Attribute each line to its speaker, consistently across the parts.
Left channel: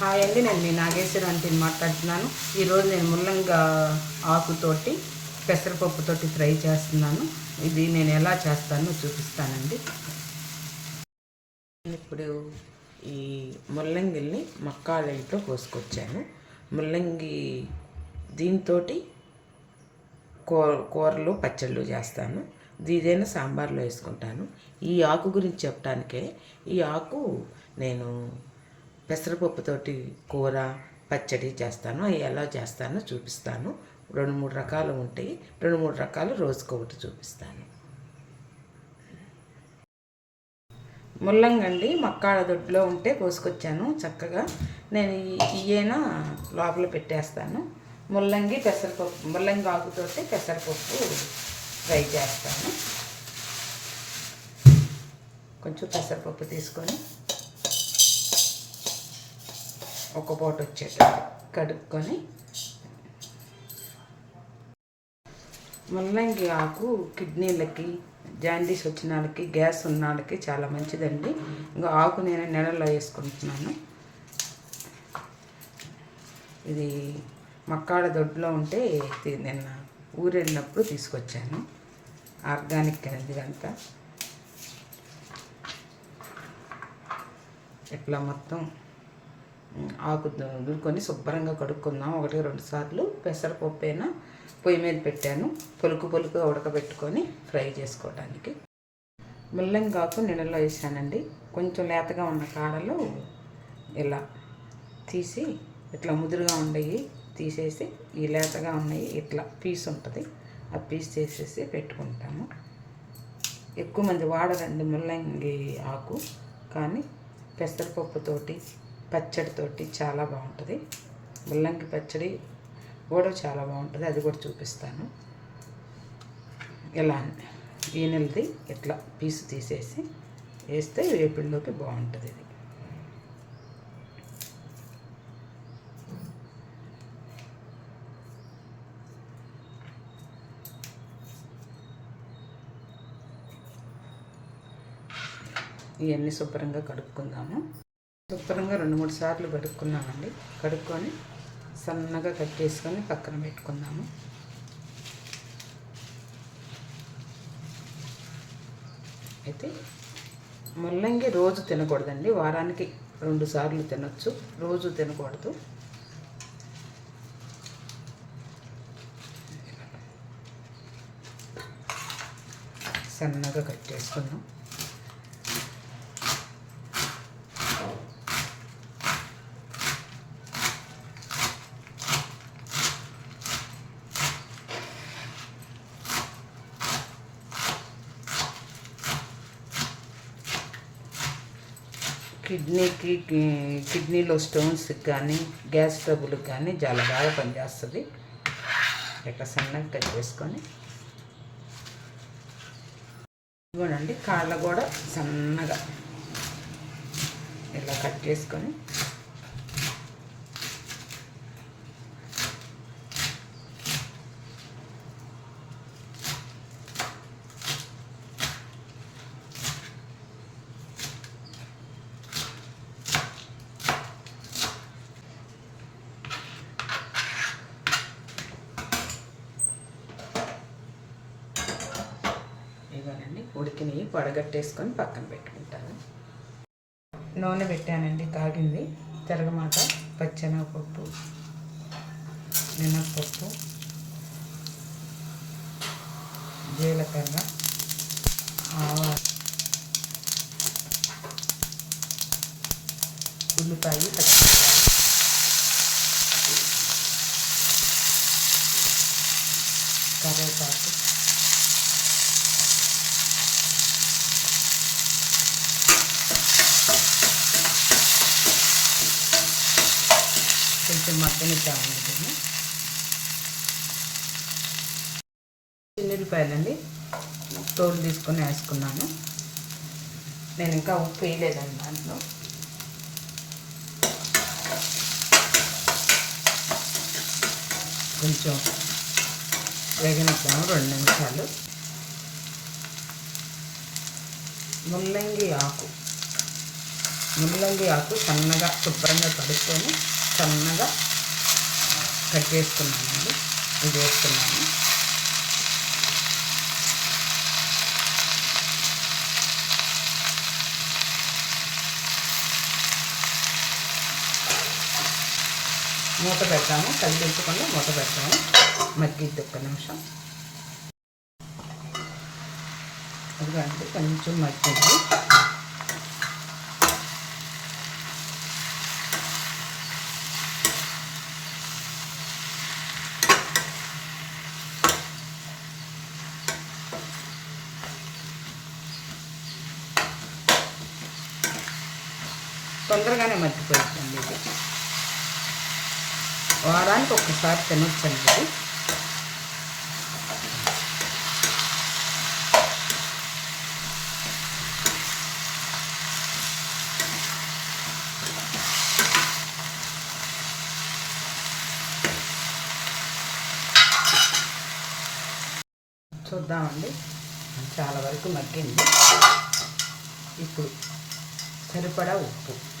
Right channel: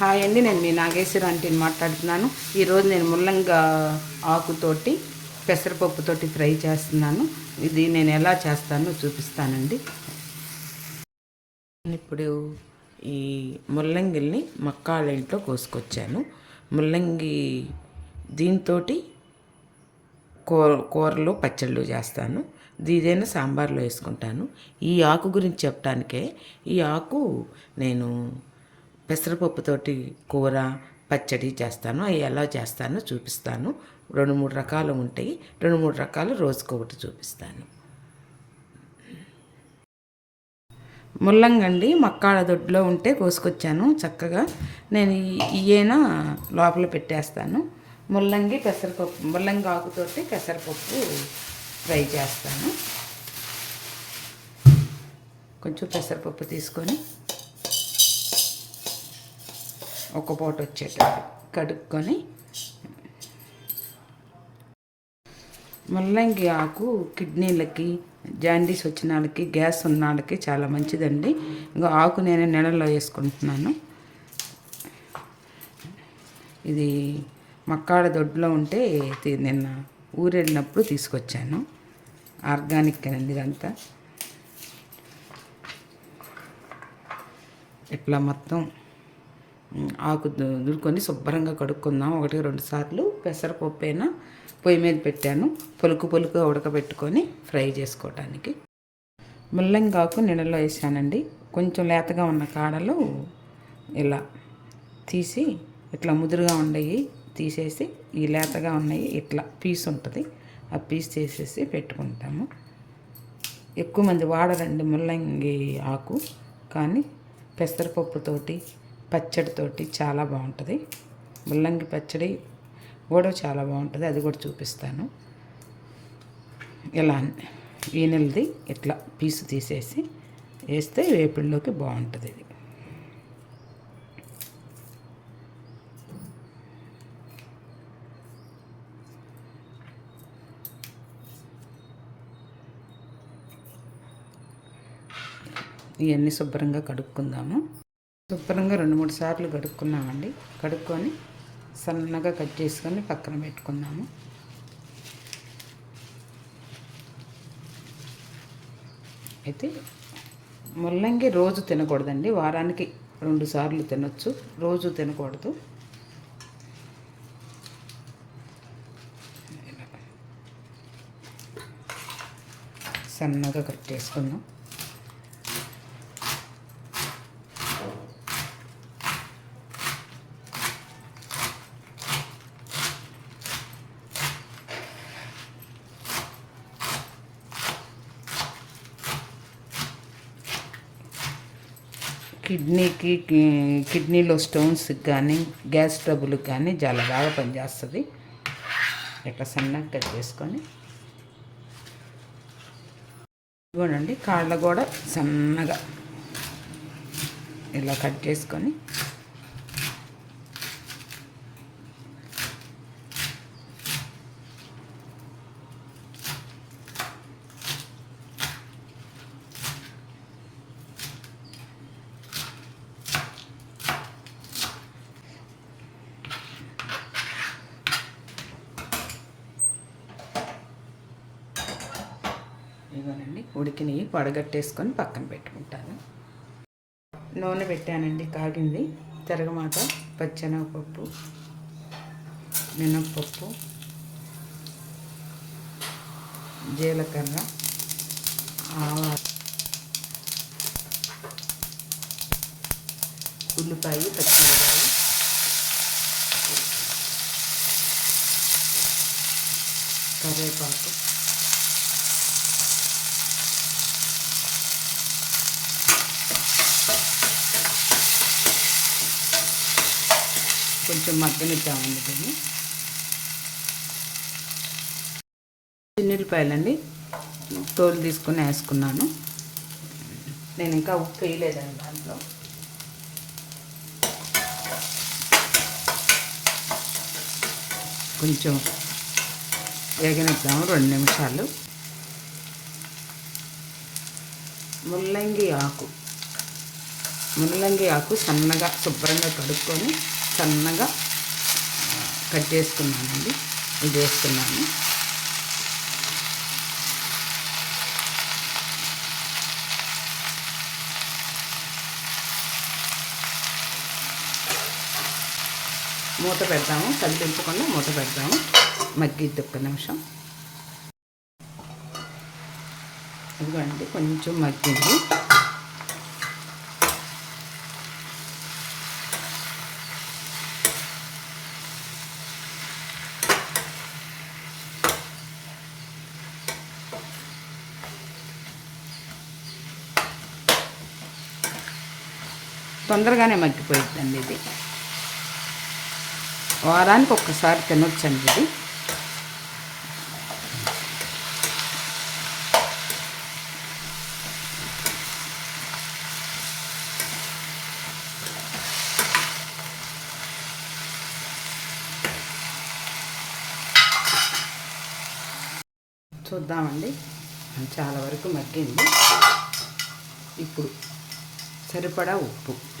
Speaker 1: Hi అండి నేను మీ నాగేశ్వర ఆంటీని మాట్లాడుతున్నాను. ఈరోజు నేను ముల్లంగా ఆకుతోటి పెసరపప్పుతోటి ఫ్రై చేస్తున్నాను. ఇది నేను ఎలా చేస్తానో చూపిస్తానండి. ఇప్పుడు ఈ ముల్లంగిల్ని మక్కాళ్ళ ఇంట్లో కోసుకొచ్చాను. ముల్లంగి దీంతో కూర కూరలు పచ్చళ్ళు చేస్తాను. ఇదేనా సాంబార్లో వేసుకుంటాను. ఈ ఆకు గురించి చెప్పడానికే ఈ ఆకు నేను పెసరపప్పుతోటి కూర పచ్చడి చేస్తాను. అవి ఎలా చేస్తానో చూపిస్తాను. రెండు మూడు రకాలు ఉంటాయి. రెండు మూడు రకాలు రోజుకొకటి చూపిస్తాను. ముల్లంగండి మక్కాడ దొడ్లో ఉంటే కోసుకొచ్చాను చక్కగా. నేను ఈయన లోపల పెట్టేస్తాను. ముల్లంగి పెసరపప్పు ముల్లంగి ఆకుతోటి పెసరపప్పు ఫ్రై చేస్తాను. కొంచెం పెసరపప్పు తీసుకొని ఒక పూట వచ్చేటట్టు కడుక్కొని. ముల్లంగి ఆకు కిడ్నీలకి జాండీస్ వచ్చిన వాళ్ళకి గ్యాస్ ఉన్న వాళ్ళకి చాలా మంచిదండి. ఇంకా ఆకు నేను నెలలో వేసుకుంటున్నాను. ఇది మక్కాడ దొడ్లో ఉంటే నిన్న ఊరెళ్ళినప్పుడు తీసుకొచ్చాను. ఆర్గానిక్ అండి ఇదంతా. ఇట్లా మొత్తం ఆకు దుడుకొని శుభ్రంగా కడుక్కుందాం. ఒకటి రెండు సార్లు పెసరపప్పు అయినా పొయ్యి మీద పెట్టాను. పొలుకు పొలుకు ఉడకబెట్టుకొని ఫ్రై చేసుకోవడానికి ముల్లంగాకు నీళ్ళలో వేసానండి. కొంచెం లేతగా ఉన్న కాడలు ఇలా తీసి ఇట్లా ముదురుగా ఉండయి తీసేసి ఈ లేతగా ఉన్నాయి ఇట్లా పీస్ ఉంటుంది. ఆ పీస్ చేసేసి పెట్టుకుంటాము. ఎక్కువ మంది వాడరండి ముల్లంగి ఆకు. కానీ పెసరపప్పుతోటి పచ్చడితోటి చాలా బాగుంటుంది. ముల్లంగి పచ్చడి కూడా చాలా బాగుంటుంది. అది కూడా చూపిస్తాను. ఇలా ఈనెలది ఇట్లా పీసు తీసేసి వేస్తే వేపిల్లోకి బాగుంటుంది ఇది. ఇవన్నీ శుభ్రంగా కడుక్కుందాము. శుభ్రంగా రెండు మూడు సార్లు కడుక్కున్నామండి. కడుక్కొని సన్నగా కట్ చేసుకొని పక్కన పెట్టుకుందాము. అయితే ముల్లంగి రోజు తినకూడదండి. వారానికి రెండు సార్లు తినొచ్చు. రోజు తినకూడదు. సన్నగా కట్ చేసుకున్నాం కిడ్నీకి కిడ్నీలో స్టోన్స్కి కానీ గ్యాస్ ట్రబుల్కి కానీ చాలా బాగా పనిచేస్తుంది. ఇట్లా సన్నగా కట్ చేసుకొని. ఇవ్వనండి కాళ్ళ కూడా సన్నగా ఇలా కట్ చేసుకొని. ఉడికిని వడగట్టేసుకొని పడగట్టేసుకొని పక్కన పెట్టుకుంటాను. నూనె పెట్టానండి కాగింది. తిరగమాట పచ్చెనగపప్పు మినప్పప్పు జీలకర్ర ఆవాలు ఉల్లిపాయ పచ్చిమిరపాయ కరివేపాకు. కొంచెం మగ్గనిద్దామండి దీన్ని చిన్నులపాయలండి. తోలు తీసుకొని వేసుకున్నాను. నేను ఇంకా ఉప్పు వేయలేదండి దాంట్లో. కొంచెం వేగనిద్దాము రెండు నిమిషాలు. ముల్లంగి ఆకు. ముల్లంగి ఆకు సన్నగా శుభ్రంగా కడుక్కొని సన్నగా కట్ చేసుకున్నానండి. ఇది వేస్తున్నాను. మూత పెడతాము. కలిపించకుండా మూత పెడతాము. మగ్గిద్ది ఒక్క నిమిషం. ఇదిగోండి కొంచెం మగ్గింది. తొందరగానే మగ్గిపోయిందండి ఇది. వారానికి ఒక్కసారి తినొచ్చండి ఇది. చూద్దామండి. చాలా వరకు మగ్గింది. ఇప్పుడు సరిపడా ఉప్పు.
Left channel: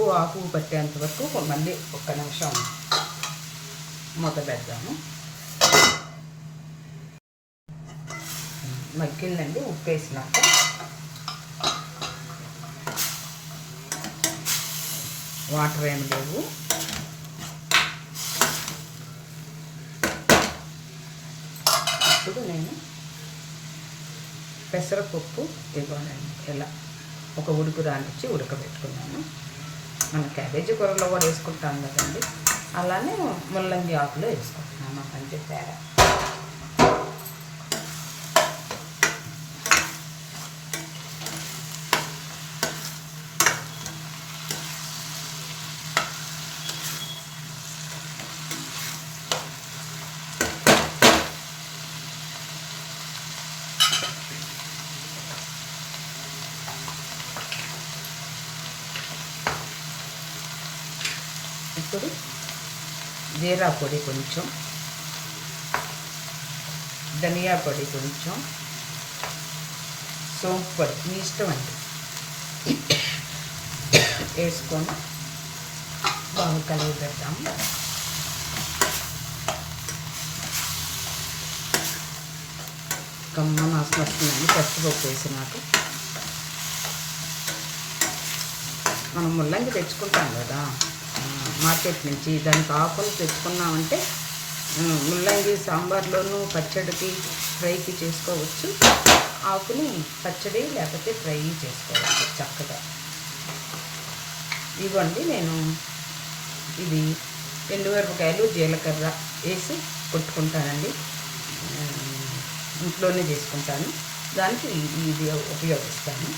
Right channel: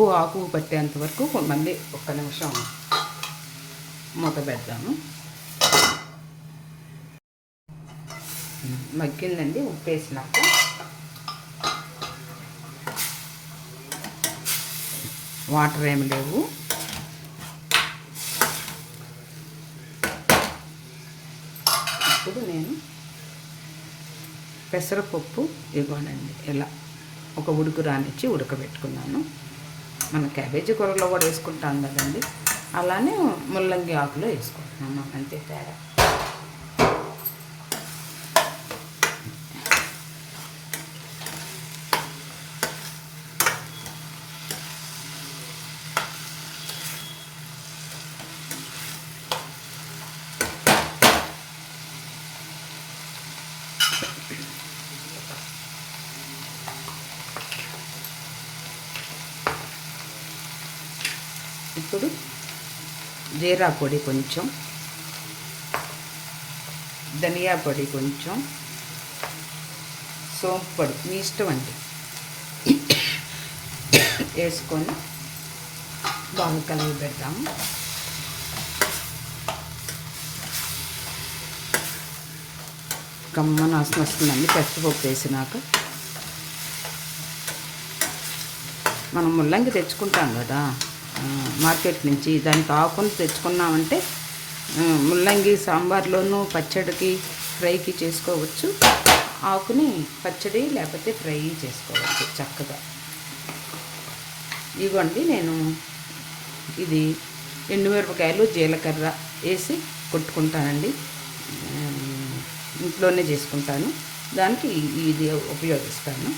Speaker 1: ఉప్పు ఆకు పట్టేంత వరకు మళ్ళీ ఒక్క నిమిషం మూత పెడతాము మగ్గిందండి ఉప్పు వేసినాక వాటర్ ఏమి లేవు. ఇప్పుడు నేను పెసరపప్పు ఇవ్వాలండి. ఇలా ఒక ఉడుకు రానిచ్చి ఉడకబెట్టుకున్నాను. మన క్యాబేజీ కూరలో కూడా వేసుకుంటాం కదండి. అలానే ముల్లంగి ఆకులో వేసుకుంటున్నాను అంతే తేడా. ఇప్పుడు జీరా పొడి కొంచెం ధనియా పొడి కొంచెం సోంపు పొడి మీ ఇష్టం అండి. వేసుకొని బాగా కలిగి పెడతాము కమ్మ నాశనం వస్తుందండి పచ్చిపప్పు వేసినాక మనం ముల్లంగి తెచ్చుకుంటాం కదా. మార్కెట్ నుంచి దానికి ఆకుని తెచ్చుకున్నామంటే ముల్లంగి సాంబార్లోనూ పచ్చడికి ఫ్రైకి చేసుకోవచ్చు. ఆకుని పచ్చడి లేకపోతే ఫ్రై చేసుకోవచ్చు చక్కగా. ఇవ్వండి నేను ఇది ఎండుమిరపకాయలు జీలకర్ర వేసి కొట్టుకుంటానండి. ఇంట్లోనే చేసుకుంటాను. దానికి ఇది ఉపయోగిస్తాను.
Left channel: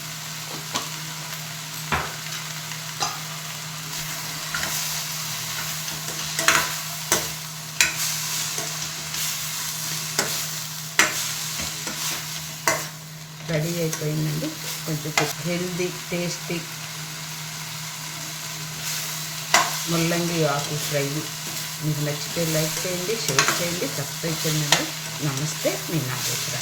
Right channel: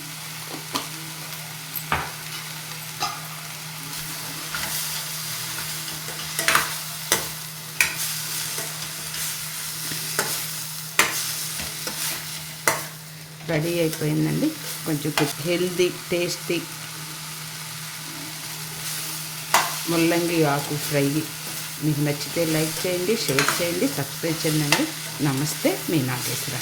Speaker 1: రెడీ అయిపోయిందండి. కొంచెం హెల్దీ టేస్టీ ముల్లంగి ఆకు ఫ్రై. మీకు నచ్చితే లైక్ చేయండి షేర్ చేయండి సబ్స్క్రైబ్ చేయండి. నమస్తే మీ నాగేశ్వర